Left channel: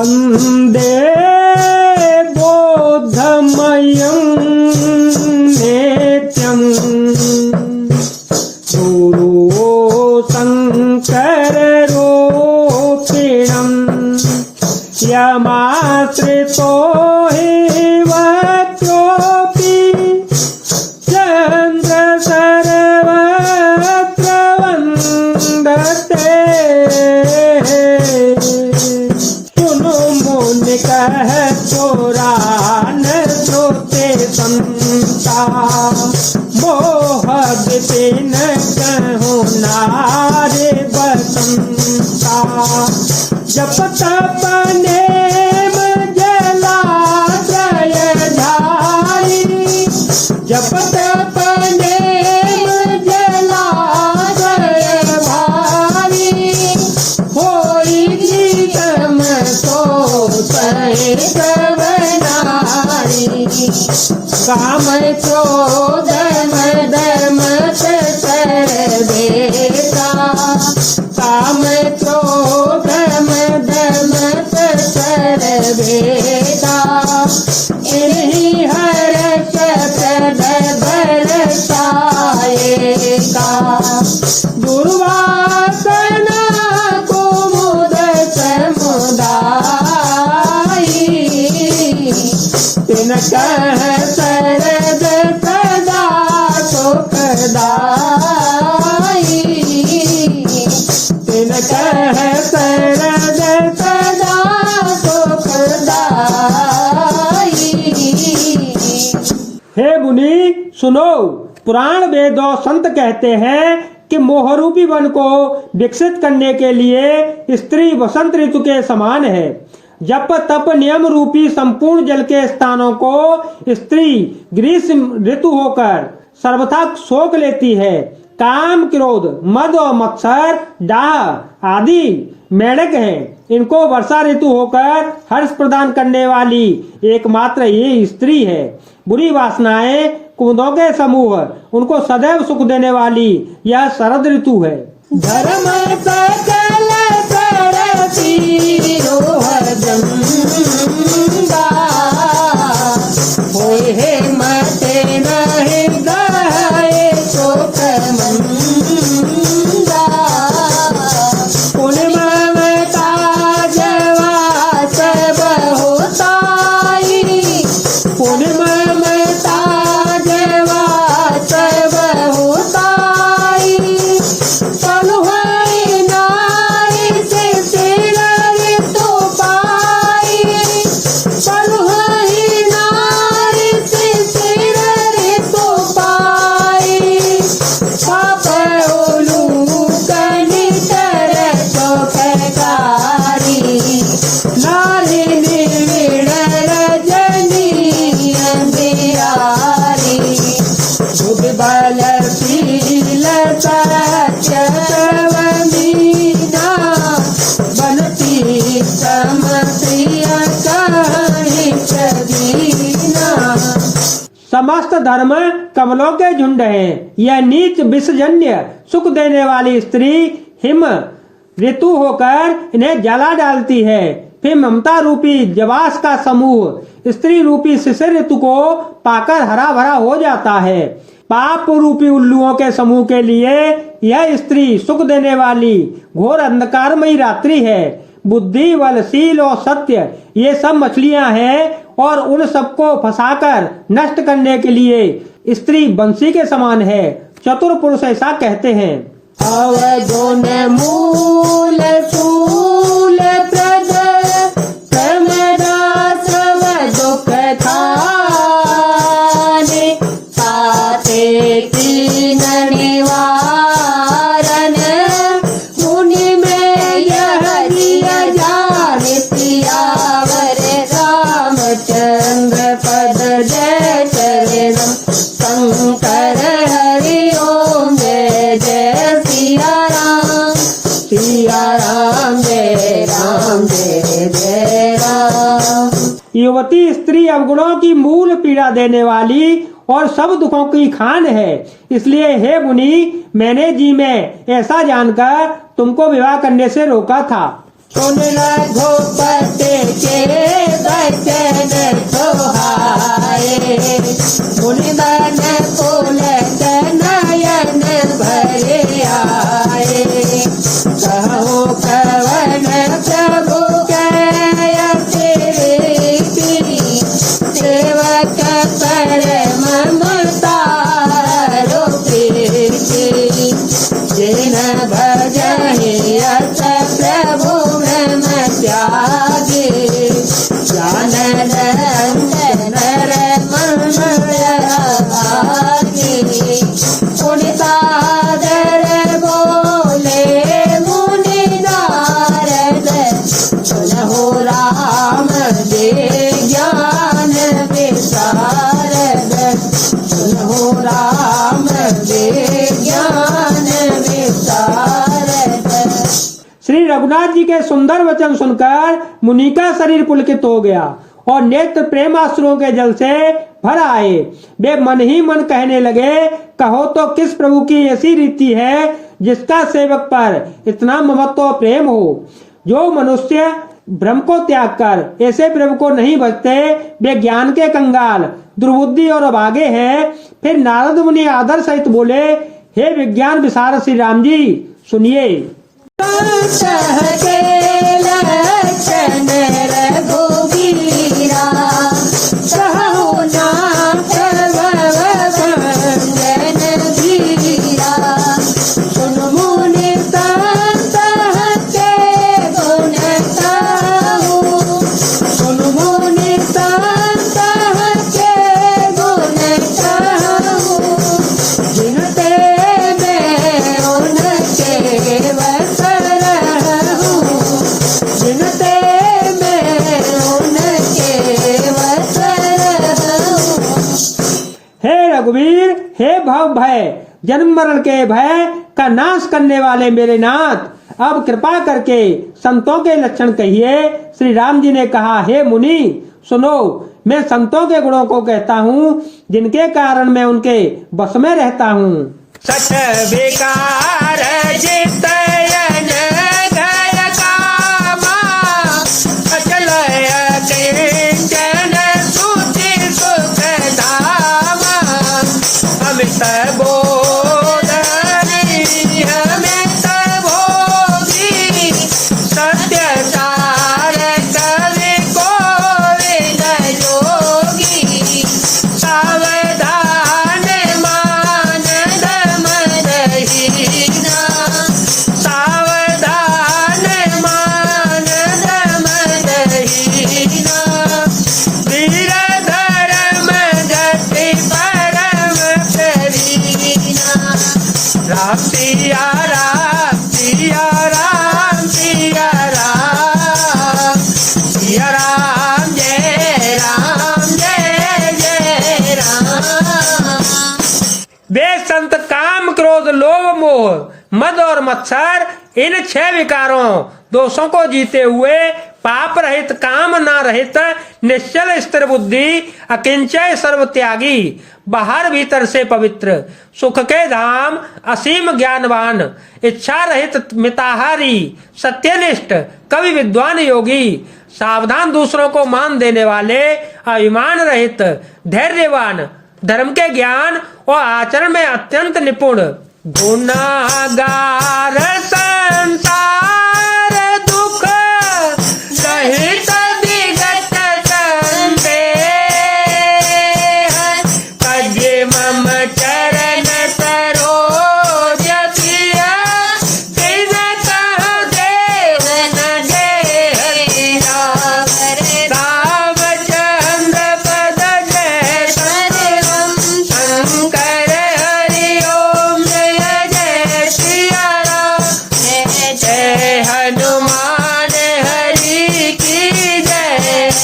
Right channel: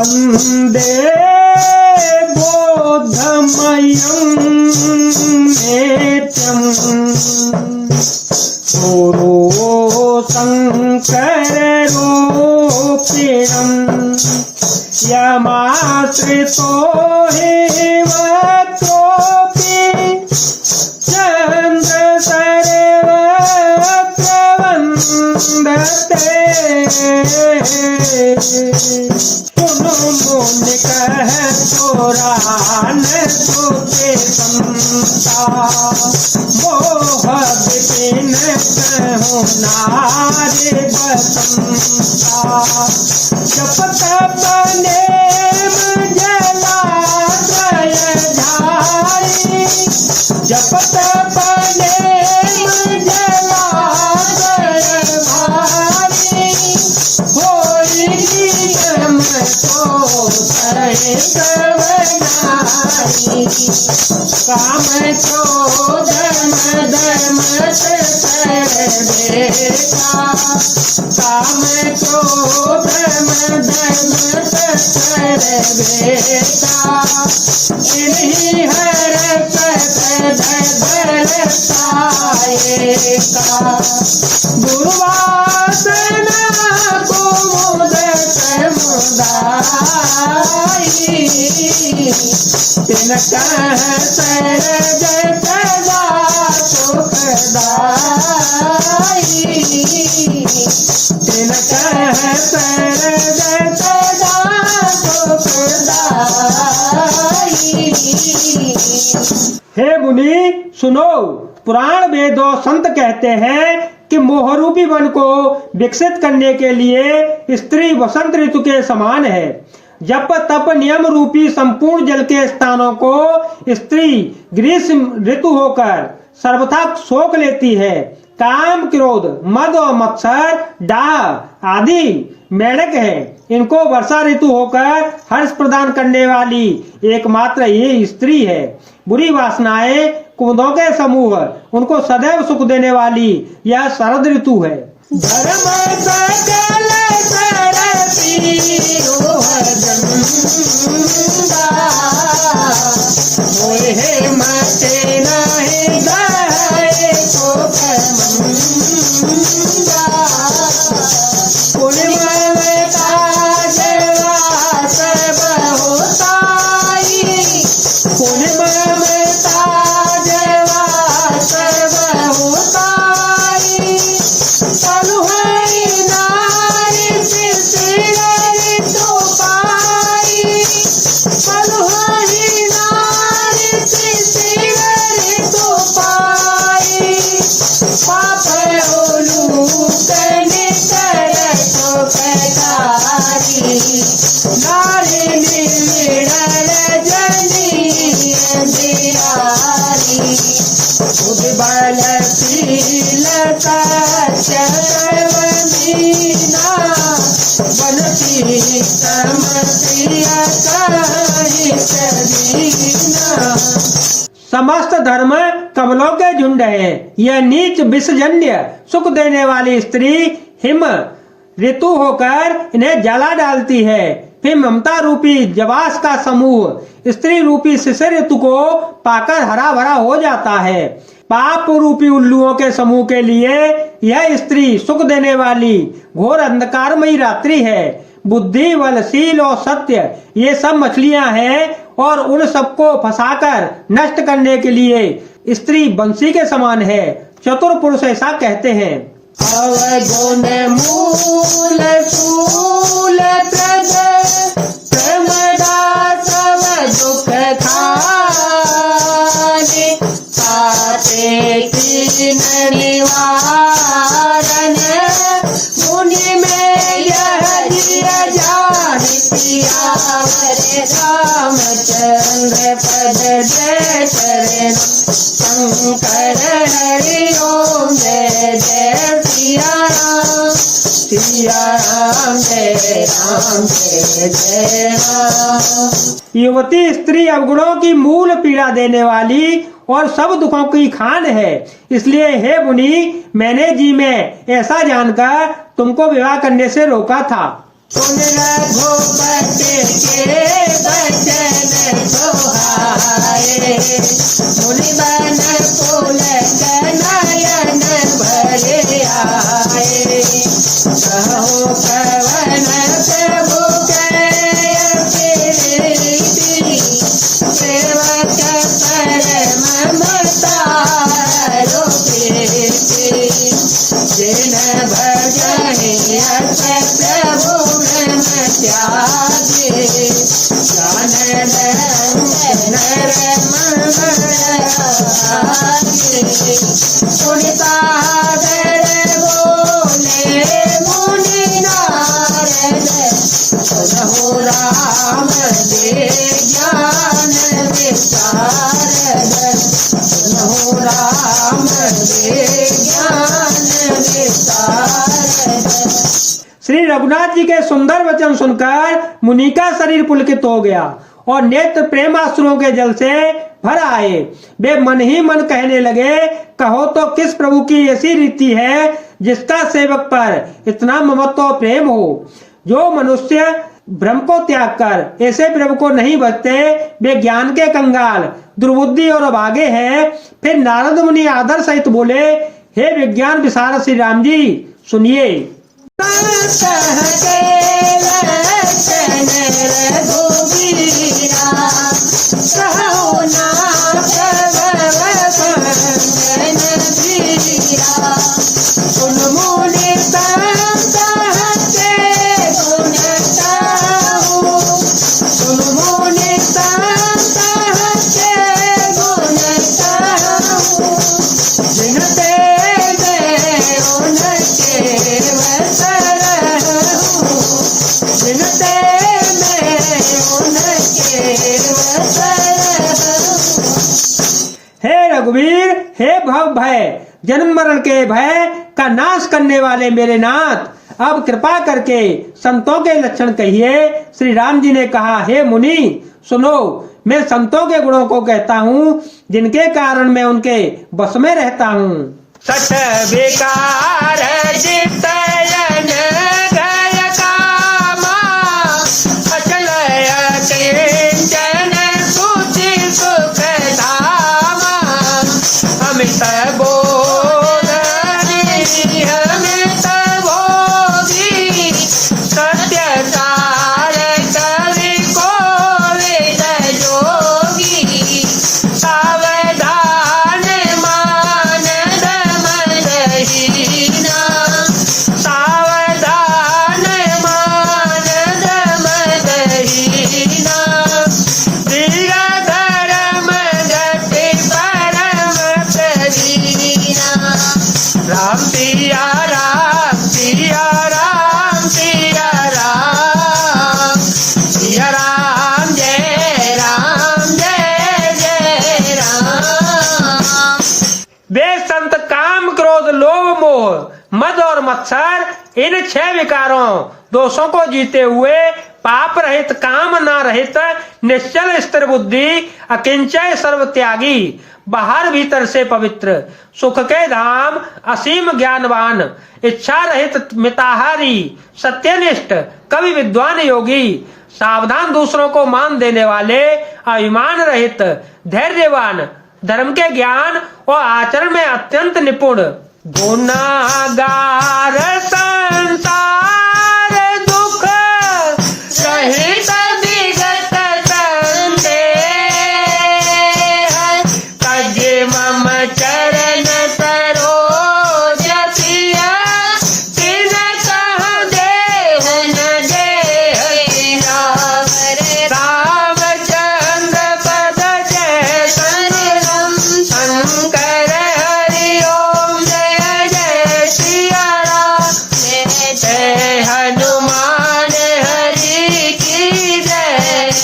वंदे बोधमयं नित्यं गुरु शङ्कररूपिणं यमाश्रितो हि वक्रोऽपि चन्द्र सर्वत्र वन्दते। सुनो मुनि कह पुराण श्रुति संता मोह विपिन कहु नारी बसंता। जप तप नेम जलाशय धारी जप तप नेम जलाशय धारी होई गीतम तो सहित बनारी। काम क्रोधम धर्म से सर्वेका काम क्रोधम धर्म से सर्वेका इन्हीं हर दर्शाएगा। दुर्वासना कुमुद समुदायी तिनका सरज सदा सुखदायी तिनका सरज सदा सुखदायी। हे मुनि सुनो, पुराण वेद और संत कहते हैं कि मोहरूपी वन को विकसित करने के लिए स्त्री वसंत ऋतु के समान है। जप तप नियम रूपी संपूर्ण जल के स्थानों को स्त्री ग्रीष्म ऋतु होकर सर्वथा सोख लेती है। काम क्रोध मद और मत्सर डाह आदि मेढक हैं। इनको वर्षा ऋतु होकर हर्ष प्रदान करने वाली एकमात्र ये स्त्री है। बुरी वासनाएं कुमुदों के समूह उनको सदैव सुख देने वाली यह शरद ऋतु है। धर्म सकल सरसी रोहर जंदा होए हे मते रहे गए तो कमंदा। पूर्णिमा जवा सब होताई पूर्णिमा जवा सब होताई। चलो समस्त धर्म कमलों के झुंड है। यह नीच विषजन्य सुख देने वाली स्त्री हिम ऋतु होकर इन्हें जला डालती है। फिर ममता रूपी जवास का समूह स्त्री रूपी शिशिर ऋतु को पाकर हरा भरा हो जाता है। पाप रूपी उल्लुओं के समूह के लिए यह स्त्री सुख देने वाली घोर अंधकारमयी रात्रि है। बुद्धि बल शील और सत्य ये सब मछलियां हैं और उन सबको फंसाकर नष्ट करने के लिए स्त्री बंसी के समान है। चतुर पुरुष ऐसा कहते हैं। अवगुण मूल सूल प्रद प्रमदा सब दुख खाने ताते तीन निवारण मुनि में यह दिया जाने पियावर रामचंद्र पद जय शरणम शंकर हरि ओम जय जय सिया राम जय राम जय जय राम। युवती स्त्री अवगुणों की मूल पीड़ा देने वाली और सब दुखों की खान है। इसलिए हे मुनि, मैंने जी में ऐसा जानकर तुमको विवाह करने से रोका था। सुन रघुपति राम दे ज्ञान विशारद, सुनो राम दे ज्ञान विशारद। श्री रघुनाथ जी के सुंदर वचन सुनकर मुनि का शरीर पुलकित हो गया और नेत्र प्रेमाश्रुओं के जल से भर आए। वे मन ही मन कहने लगे, कहो तो किस प्रभु की ऐसी रीति है जिसका सेवक पर इतना ममत्व और प्रेम हो। जो मनुष्य ब्रह्म को त्याग कर ऐसे प्रभु को नहीं भजते वे ज्ञान के कंगाल, दुर्बुद्धि और अभागे हैं। फिर नारद मुनि आदर सहित बोले, हे विज्ञान विशारद श्री राम जी, सुनिए। रघुवीर, हे भव भय जन्म मरण के भय का नाश करने वाले मेरे नाथ, अब कृपा करके संतों के लक्षण कहिए। श्री राम जी ने कहा, हे मुनि सुनो, मैं संतों के गुणों को कहता हूँ जिनके कारण मैं उनके बस में रहता हूँ। सठ बेकार जितयन गय कामा, अचल अकिंचन सुचि सुख धामा, अमित बोधि अमित भोगी, सत्य सार कवि कोविद योगी, सावधान मान दम रहीना, सावधान मान दम रहीना, वीर धर्म गति परम करीना, राम सिया राम सिया राम सिया राम, सिया राम जय जय जय राम। वे संत काम, क्रोध, लोभ, मोह, मद और मत्सर इन 6 विकारों दोषों को जीते हुए पाप रहित, काम ना रहित, निश्चल स्थिर बुद्धि, अकिंचय सर्व त्यागी, बाहर भीतर से पवित्र, सुख के धाम, असीम ज्ञानवान, इच्छा रहित मिताहारी, सत्यनिष्ठ, कवि विद्वान योगी, सावधान, दूसरों को मान देने वाले, अभिमान रहित, धैर्यवान, धर्म के ज्ञान और आचरण में अत्यंत निपुण, गुनागार संसार दुख सहित विगत संते, कज मम चरण सरोज प्रिय, तिन कह देहन देहना, रामचंद्र पद जय शरणम, शंकर हरि ओम जय जय सिया राम, जय हनुमान हरि की जय,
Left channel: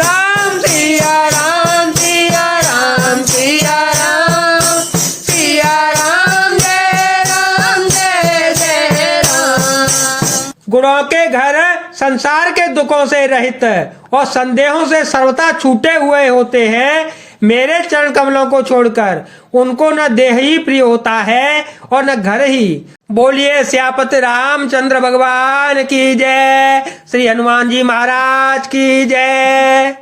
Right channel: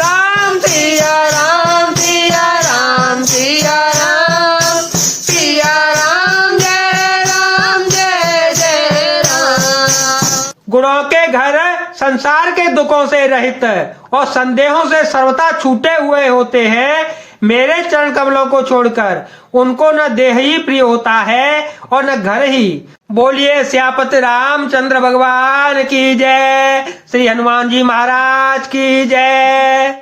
राम सिया राम सिया राम सिया राम, सिया राम जय जय राम। गुणों के घर संसार के दुखों से रहित और संदेहों से सर्वथा छूटे हुए होते हैं। मेरे चरण कमलों को छोड़कर उनको न देह ही प्रिय होता है और न घर ही। बोलिए श्यापति रामचंद्र भगवान की जय, श्री हनुमान जी महाराज की जय।